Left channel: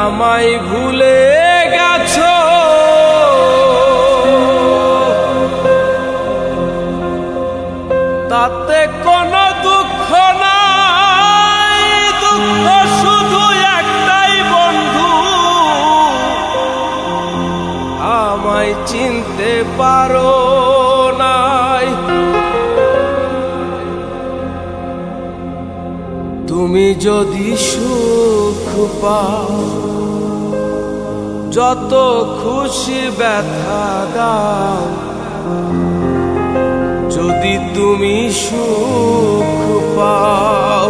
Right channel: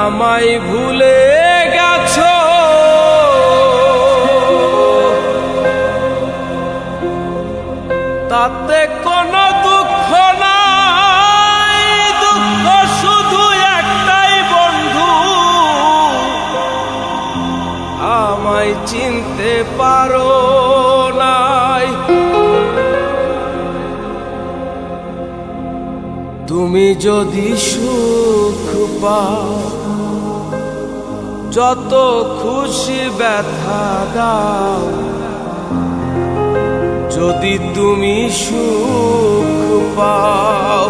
আমায় ভুলে গেছো, তাতে কোনো দুঃখ নাই, দুঃখ শুধু একটাই বন্ধু, আমায় চিনতে পারো নাই। তুমি যদি সুখ পাও, যত খুশি ব্যথা দাও, যদি তুমি সুখ পাও,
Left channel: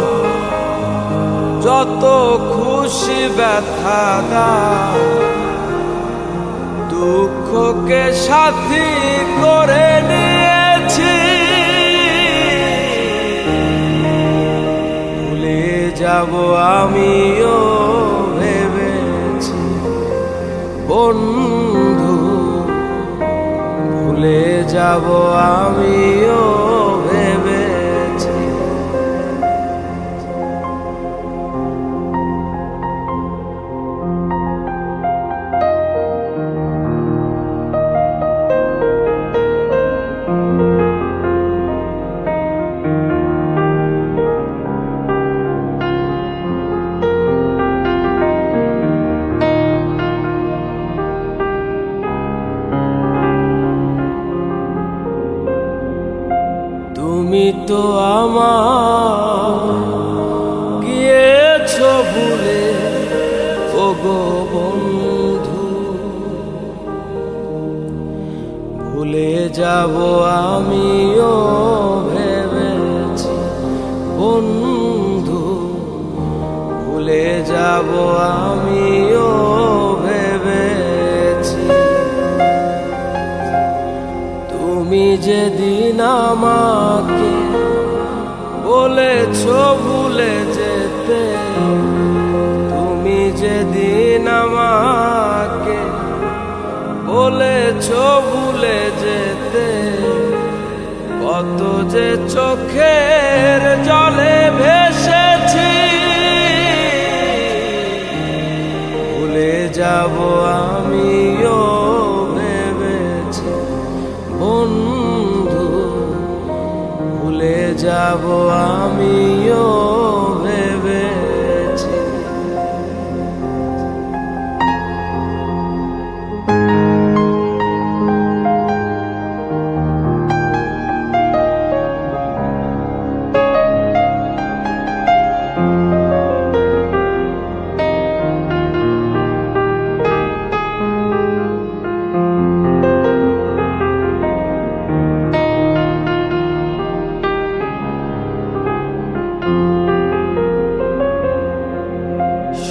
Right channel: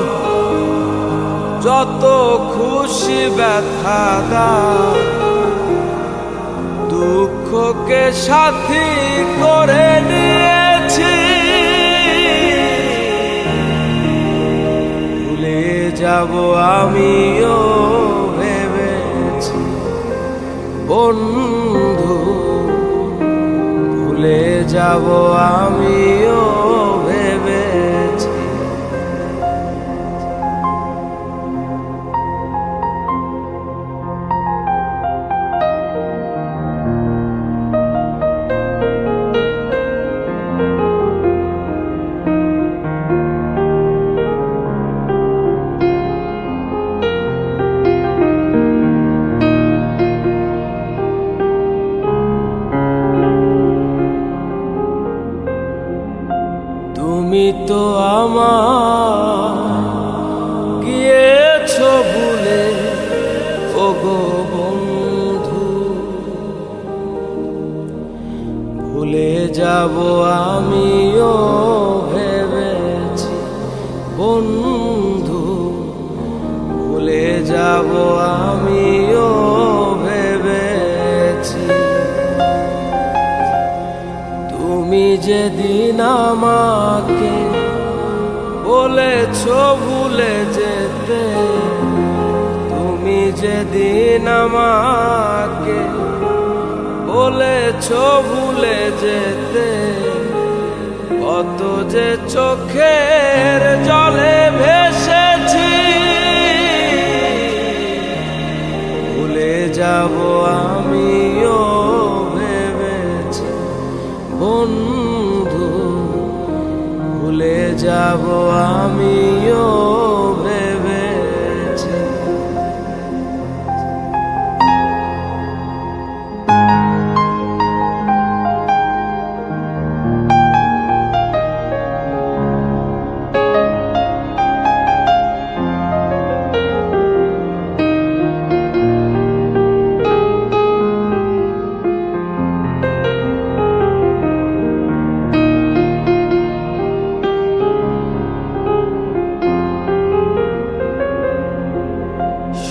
যত খুশি ব্যথা দাও, দুঃখকে সাথী করে নিয়েছি, ভুলে যাব আমিও ভেবেছি বন্ধু, ভুলে যাব আমিও ভেবেছি। তুমি তো আমায় গিয়েছো ভুলে, ওগো বন্ধু, ভুলে যাব আমিও ভেবেছি বন্ধু, ভুলে যাব আমিও ভেবেছি। তুমি যেদিন আমাকে বলেছো ভুলে যেতে, তুমি যেদিন আমাকে বলেছো ভুলে যেতে, কত যে চোখের জলে ভেসেছি, ভুলে যাব আমিও ভেবেছি বন্ধু, ভুলে যাব আমিও ভেবেছি।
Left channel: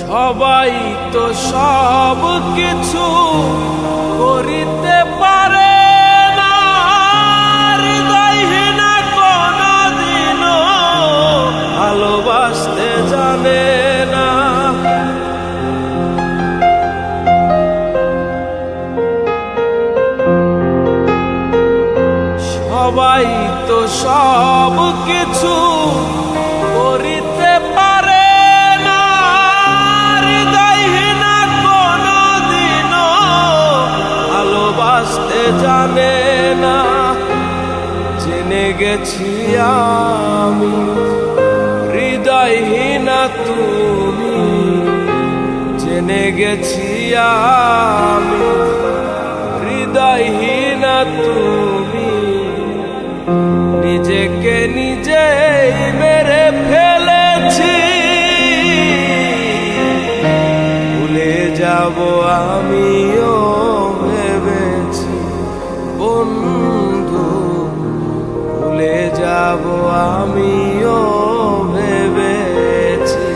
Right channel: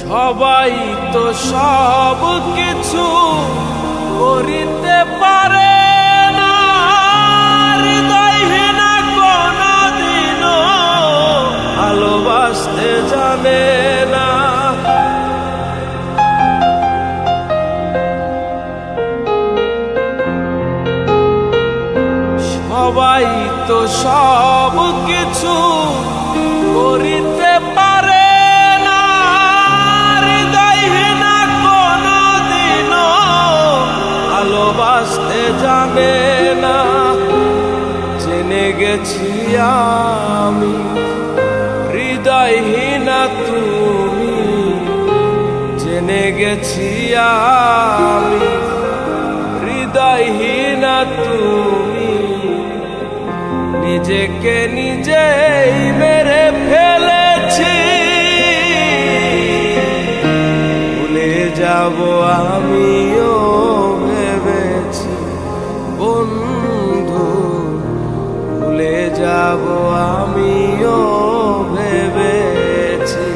সবাই তো সব কিছু করিতে পারে না, হৃদয়হীন কোনদিনও ভালোবাসতে জানে না। সবাই তো সব কিছু করিতে পারে, ভালোবাসতে জানে না। জেনে গেছি আমি হৃদয়হীনা তুমি, জেনে গেছি আমি হৃদয়হীনা তুমি, নিজেকে নিজেই মেরে ফেলেছি, ভুলে যাব আমিও ভেবেছি বন্ধু, ভুলে যাব আমিও ভেবেছি।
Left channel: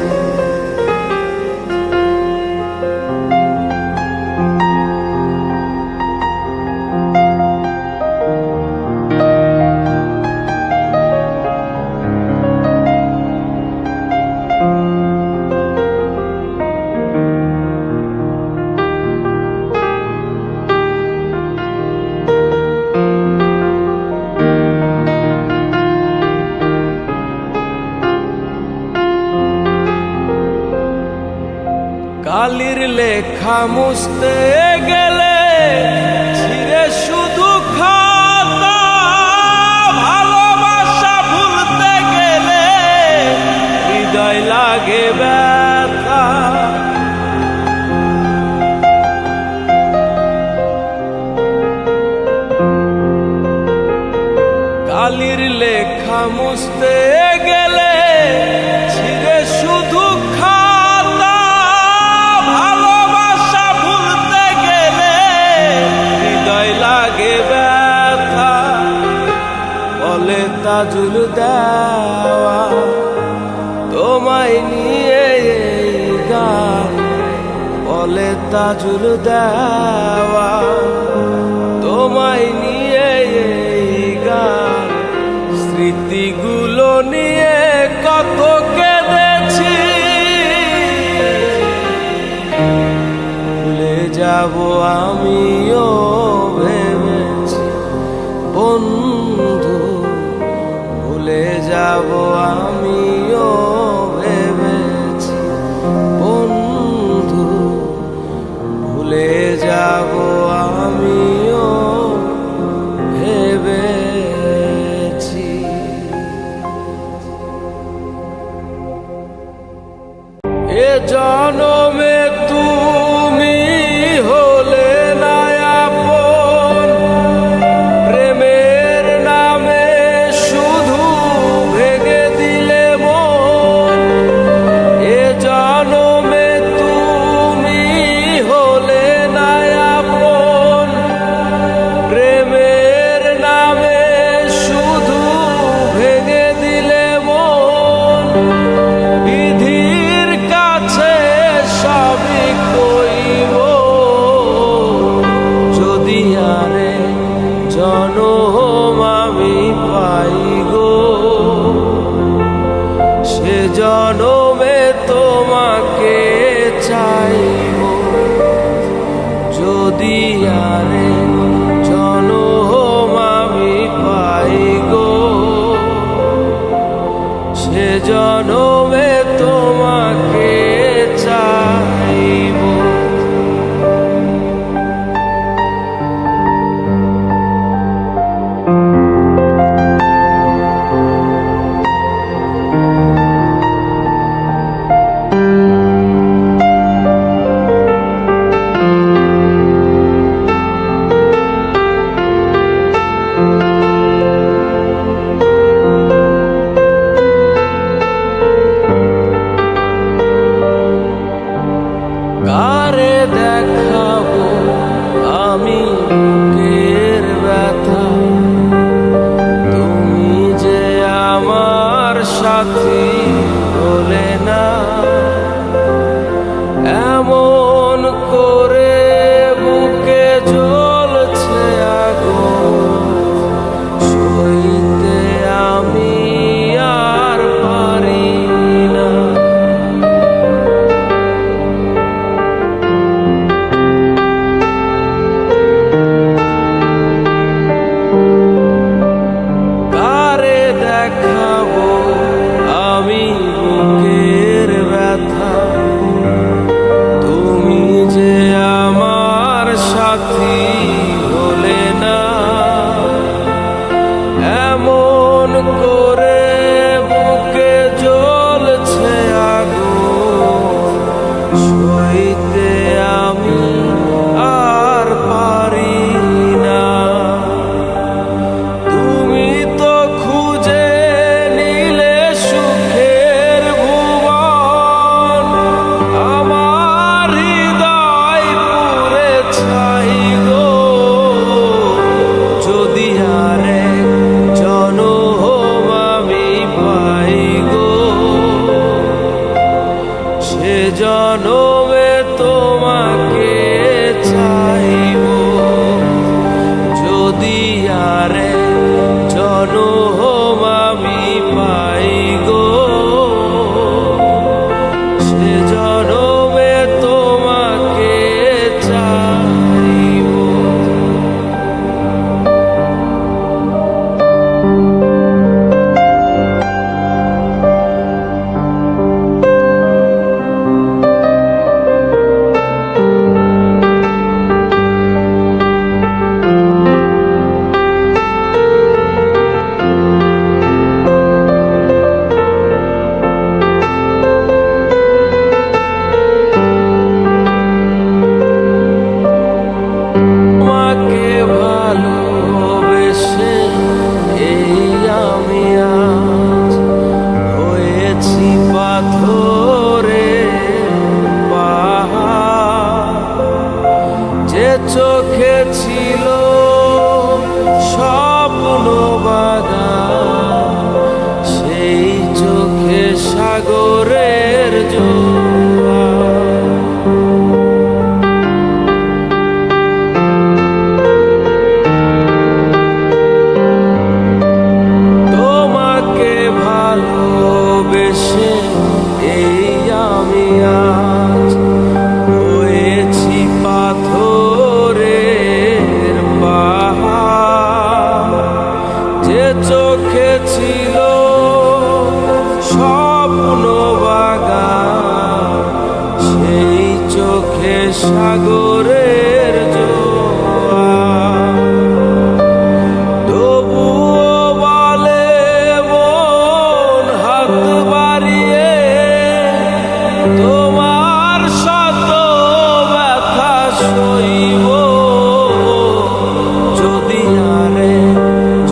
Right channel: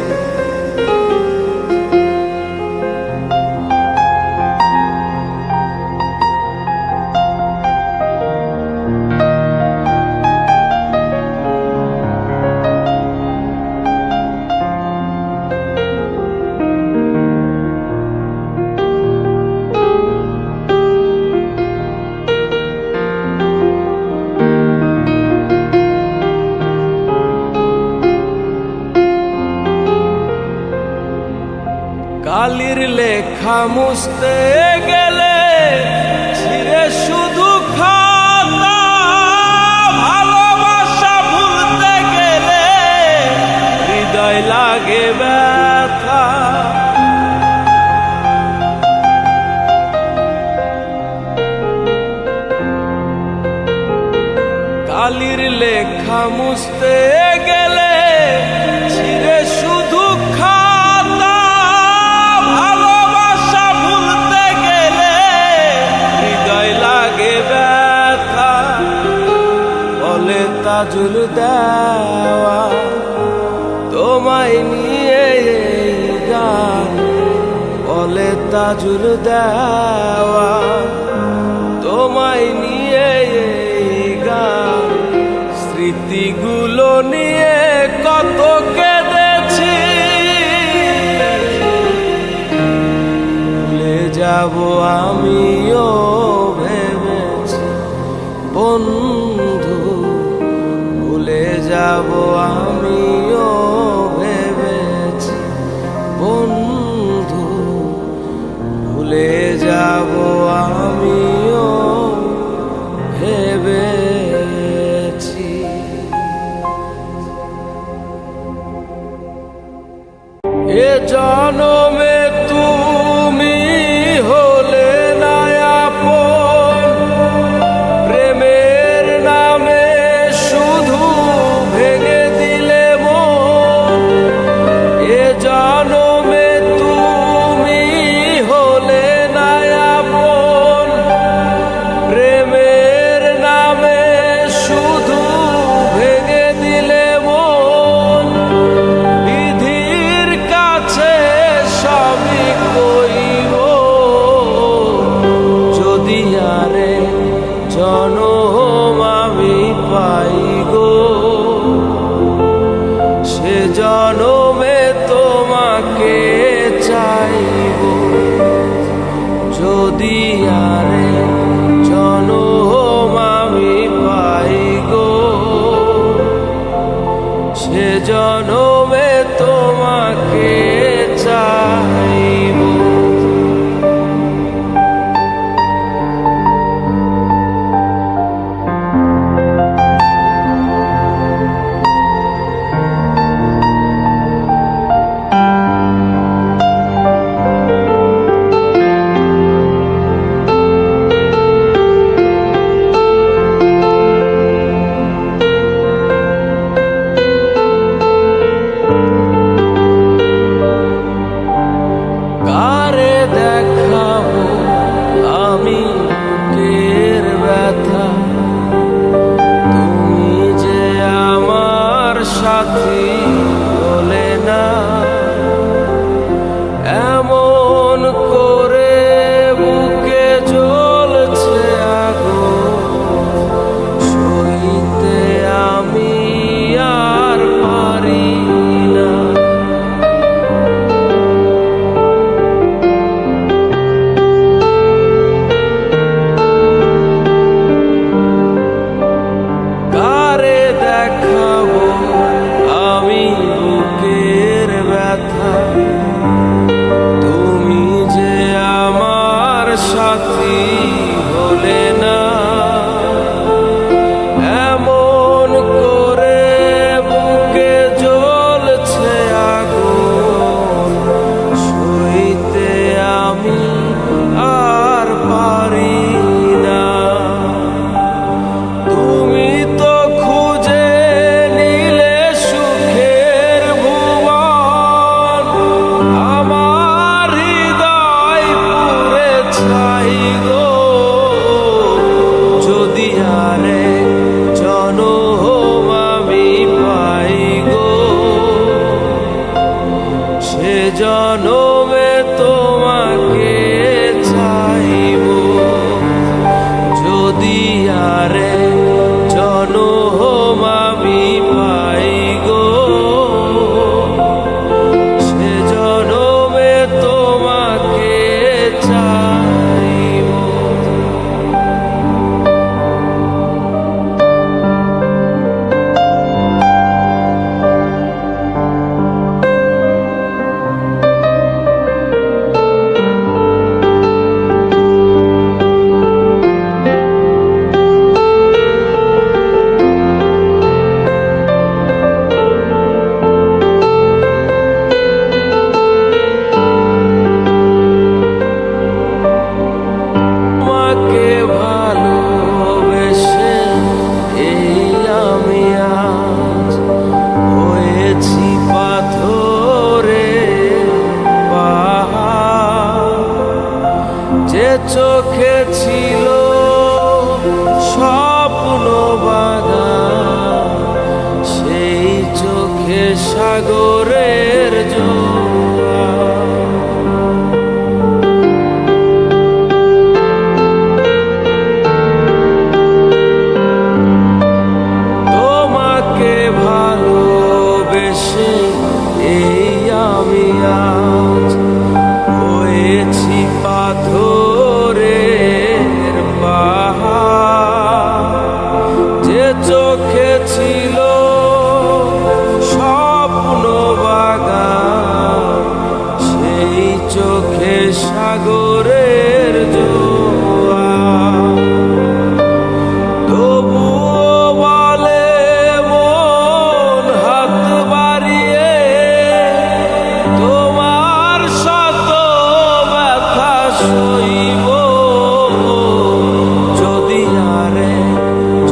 কালির লেখা মুছতে গেলে ছিঁড়ে শুধু খাতা, ভালোবাসা ভুলতে গেলে হৃদয় লাগে ব্যথা। কালির লেখা মুছতে গেলে ছিঁড়ে শুধু খাতা, ভালোবাসা ভুলতে গেলে হৃদয় লাগে ব্যথা। বলে তাজুল দেওয়া তোমায় নিয়ে এই গান, বলে তাজুল দেওয়া তোমায় নিয়ে এই গান। স্মৃতিগুলো নিয়ে কত কেঁদেছি, ভুলে যাব আমিও ভেবেছি বন্ধু, ভুলে যাব আমিও ভেবেছি বন্ধু, ভুলে যাব আমিও ভেবেছি। এ জনমে তুমি হলে না আপন, প্রেমের নামে শুধু ভেঙে দিলে মন। এ জনমে তুমি হলে না আপন, প্রেমের নামে শুধু ভেঙে দিলে মন। বিধির কাছে সবই কইব, যদি আরে জনম আমি পাই গো, সে জনমে তোমাকে চাইব। যদি আরে জনম আমি পাই গো, সে জনমে তোমাকে চাইব। কারে দেখাবো আমি বুকের ব্যথা, তুমি যে আমার সাথী হলে না। এমন করে বুকে জ্বলছে আগুন, সইতে আমি আর পারি না। কারে দেখাবো আমি বুকের ব্যথা, তুমি যে আমার সাথী হলে না। এমন করে বুকে জ্বলছে আগুন, সইতে আমি আর পারি না। তুমি তো খুঁজে নিলে সুখের ভুবন, আমার হৃদয় পুরে ছাই গো। যদি আরেক জনম আমি পাই গো, সে জনমে তোমাকে চাইব। যদি আরেক জনম আমি পাই গো, সে জনমে তোমাকে চাইব। চোখে ছিল স্বপ্ন বাগান, সেই চোখে সাগরের জোয়ার। তোমাকে ভালোবেসে এই আমি আজ হয়েছি পাথরের পাহাড়। যে চোখে ছিল স্বপ্ন বাগান, সেই চোখে সাগরের জোয়ার। তবুও বলে মন হাত বাড়িয়ে, তোমার শত ব্যথা সইব যদি আরে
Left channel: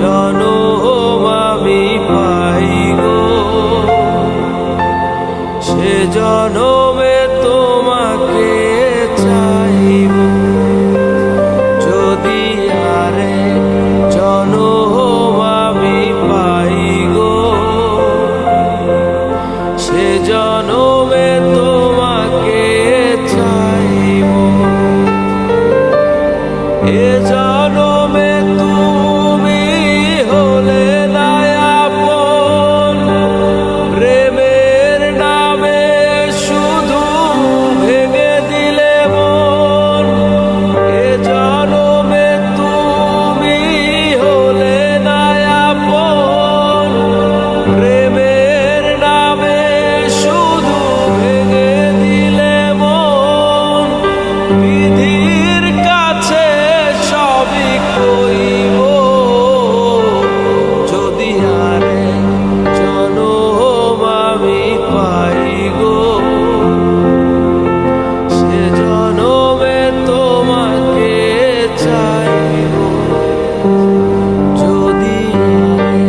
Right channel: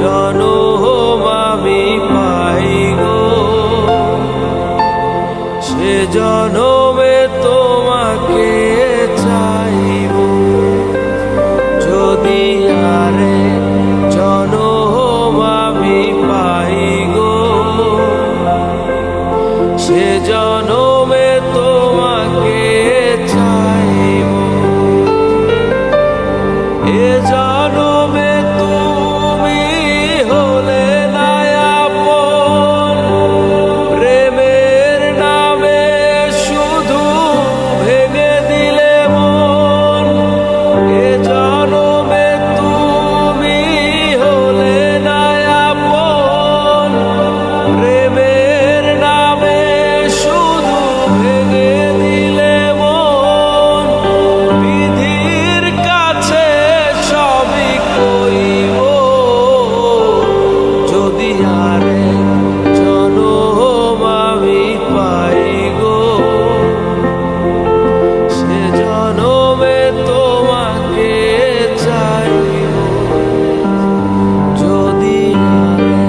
জনম আমি পাই গো। সে জনমে তোমাকে চাইব যদি আরে জনম আমি পাই গো। সে জনমে তোমাকে চাইব। এ জনমে তুমি হলে না আপন, প্রেমের নামে শুধু ভেঙে দিলে মন। এ জনমে তুমি হলে না আপন, প্রেমের নামে শুধু ভেঙে দিলে মন। বিধির কাছে সবই কইব যদি আরে জনম আমি পাই গো। সে জনমে তোমাকে চাইব যদি আরে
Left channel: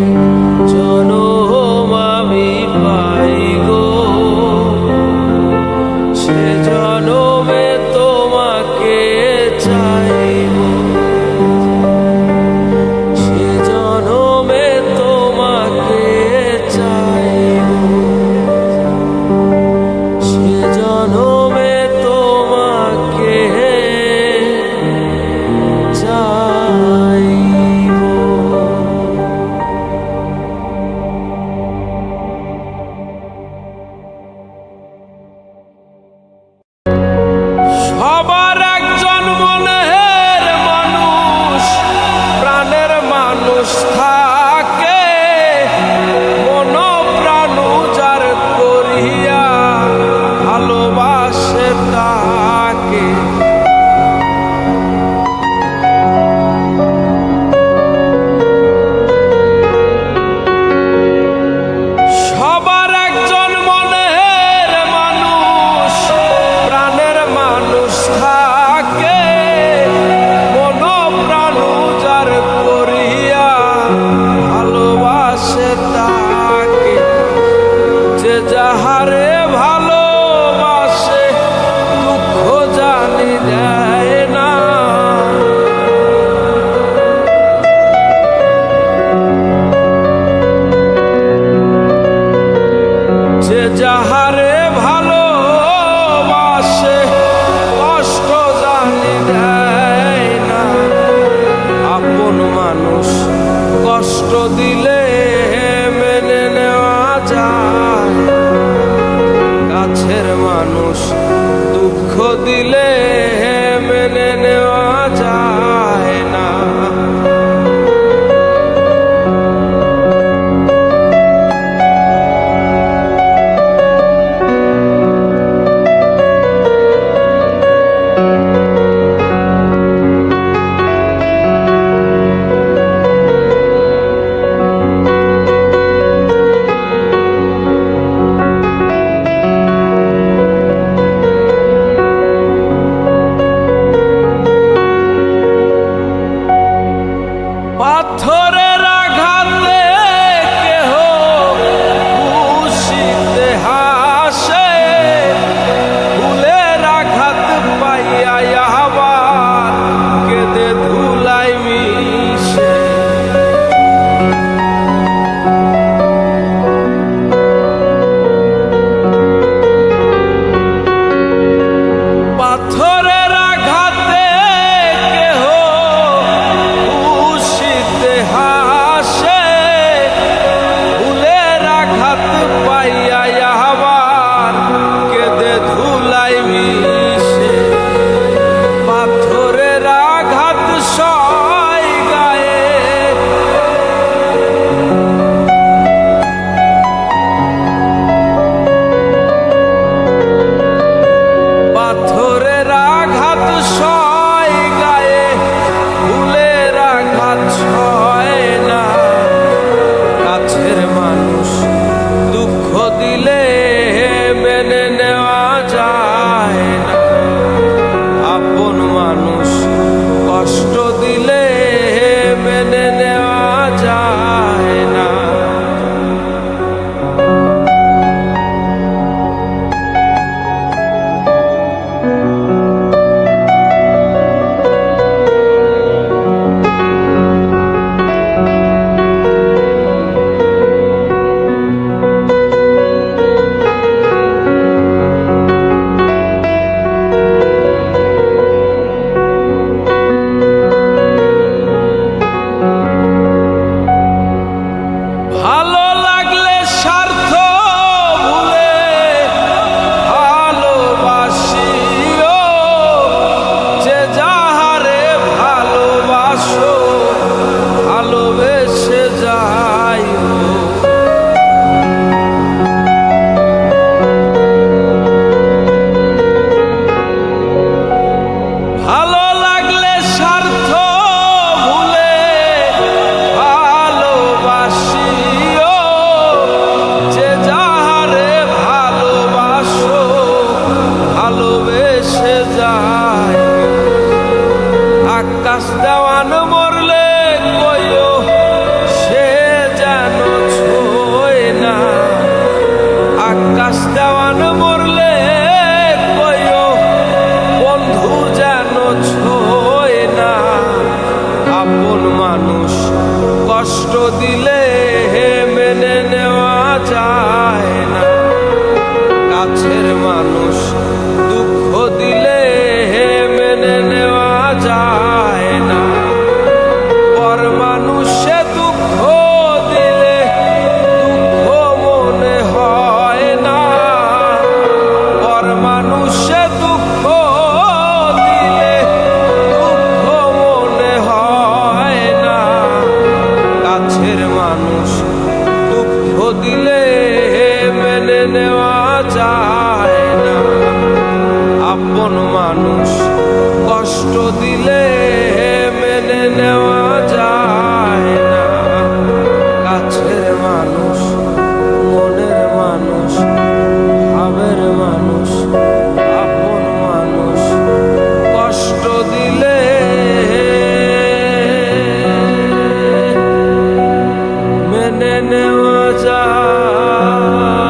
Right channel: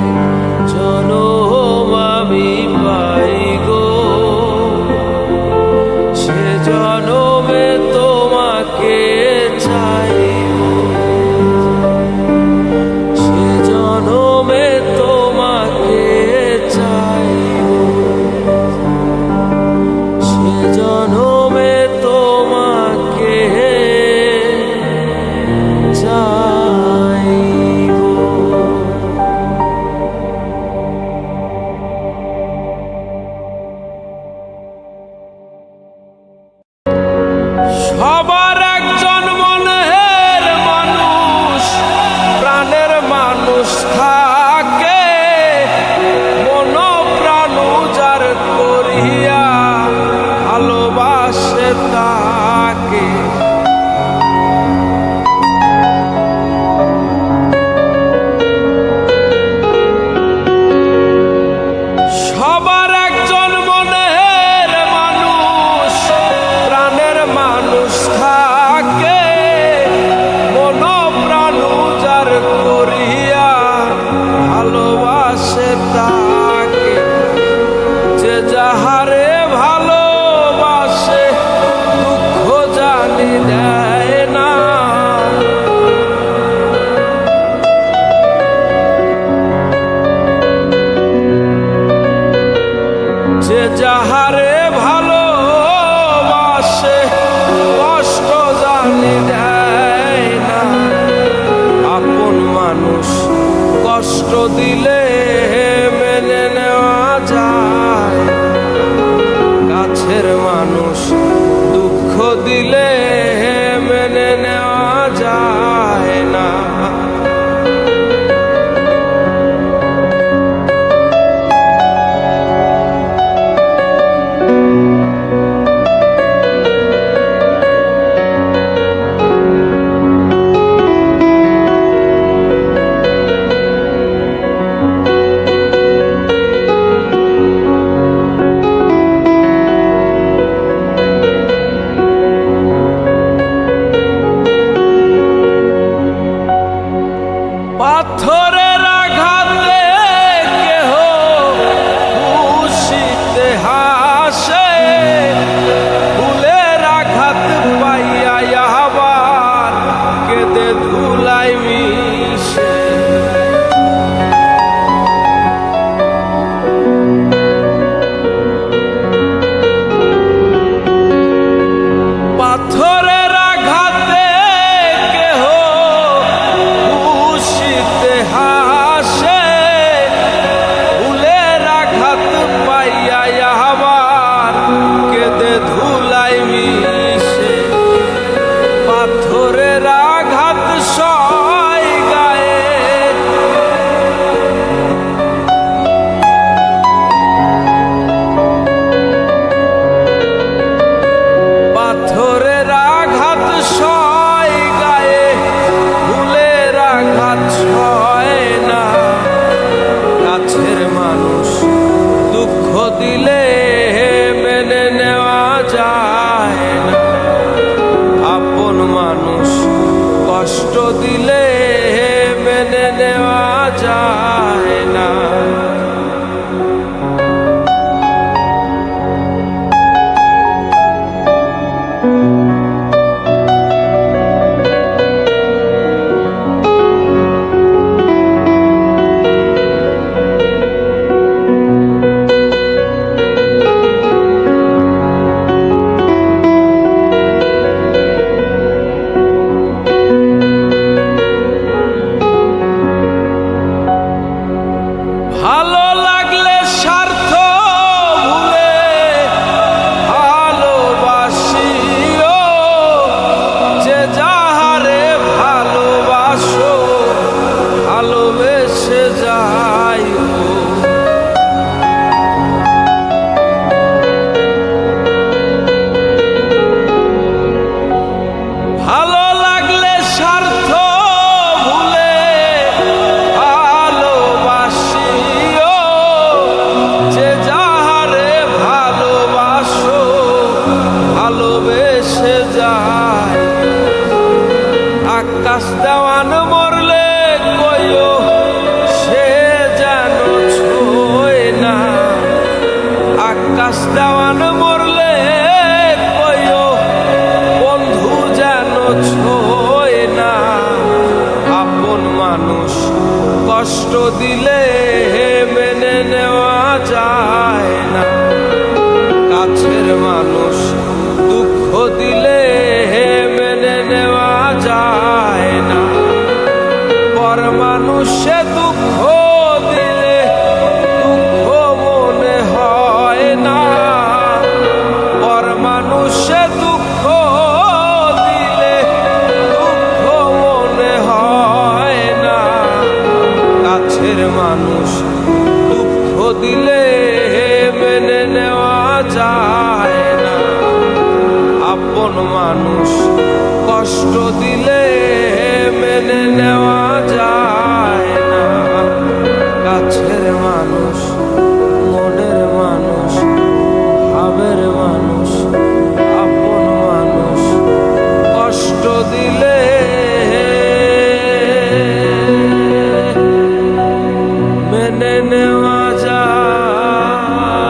জনম আমি পাই গো। সে জনমে তোমাকে চাইব। সে জনমে তোমাকে চাইব। সে জনমে তোমাকে চাইব। সবার একজন মনের মানুষ, প্রাণের মানুষ থাকে, মন প্রাণ যার করিয়া ভালোবাসে তাকে। সবার একজন মনের মানুষ, প্রাণের মানুষ থাকে, মন প্রাণ যার করিয়া ভালোবাসে তাকে। যে যাহারে ভালোবাসে দুঃখ জানি দেয় না, যে যাহারে ভালোবাসে কষ্ট জানি দেয় না। আপন মানুষ কষ্ট দিলে মেনে নেওয়া যায়, কাছের মানুষ দুঃখ দিলে মেনে নেওয়া যায় না। পাথরের আঘাতে কেহ খুশিতে হাসে, ফুলের আঘাত পাইয়া আবার পাথরের আঘাত সয় গায়ে, পাথরের আঘাত সয় গায়ে, ফুলের আঘাত সয় না। কাছের মানুষ দুঃখ দিলে মেনে নেওয়া যায় না, আপন মানুষ কষ্ট দিলে মেনে নেওয়া যায় না। ভালো লাগলে স্বার্থ ভুলে ভালোবাসিও, যে যাহারে ভালোবাসো ভালোবেসে যাইও। ভালো লাগলে স্বার্থ ভুলে ভালোবাসিও, যে যাহারে ভালোবাসো ভালোবেসে যায়। আকাশ দেওয়ান মরলে কইও সে যেন ছোয় না, আকাশ দেওয়ান মরলে কইও বন্ধু যেন ছোয় না। আপন মানুষ কষ্ট দিলে মেনে নেওয়া যায় না, কাছের মানুষ দুঃখ দিলে মেনে নেওয়া যায় না। পর মানুষে দুঃখ দিলে দুঃখ মনে হয় না, পর মানুষে দুঃখ দিলে দুঃখ মনে হয় না। কাছের মানুষ দুঃখ দিলে মেনে নেওয়া যায় না, আপন মানুষ কষ্ট দিলে মেনে নেওয়া যায় না। কাছের মানুষ, মনের মানুষ, ভাবের মানুষ, আপন মানুষ কষ্ট দিলে মেনে নেওয়া যায়।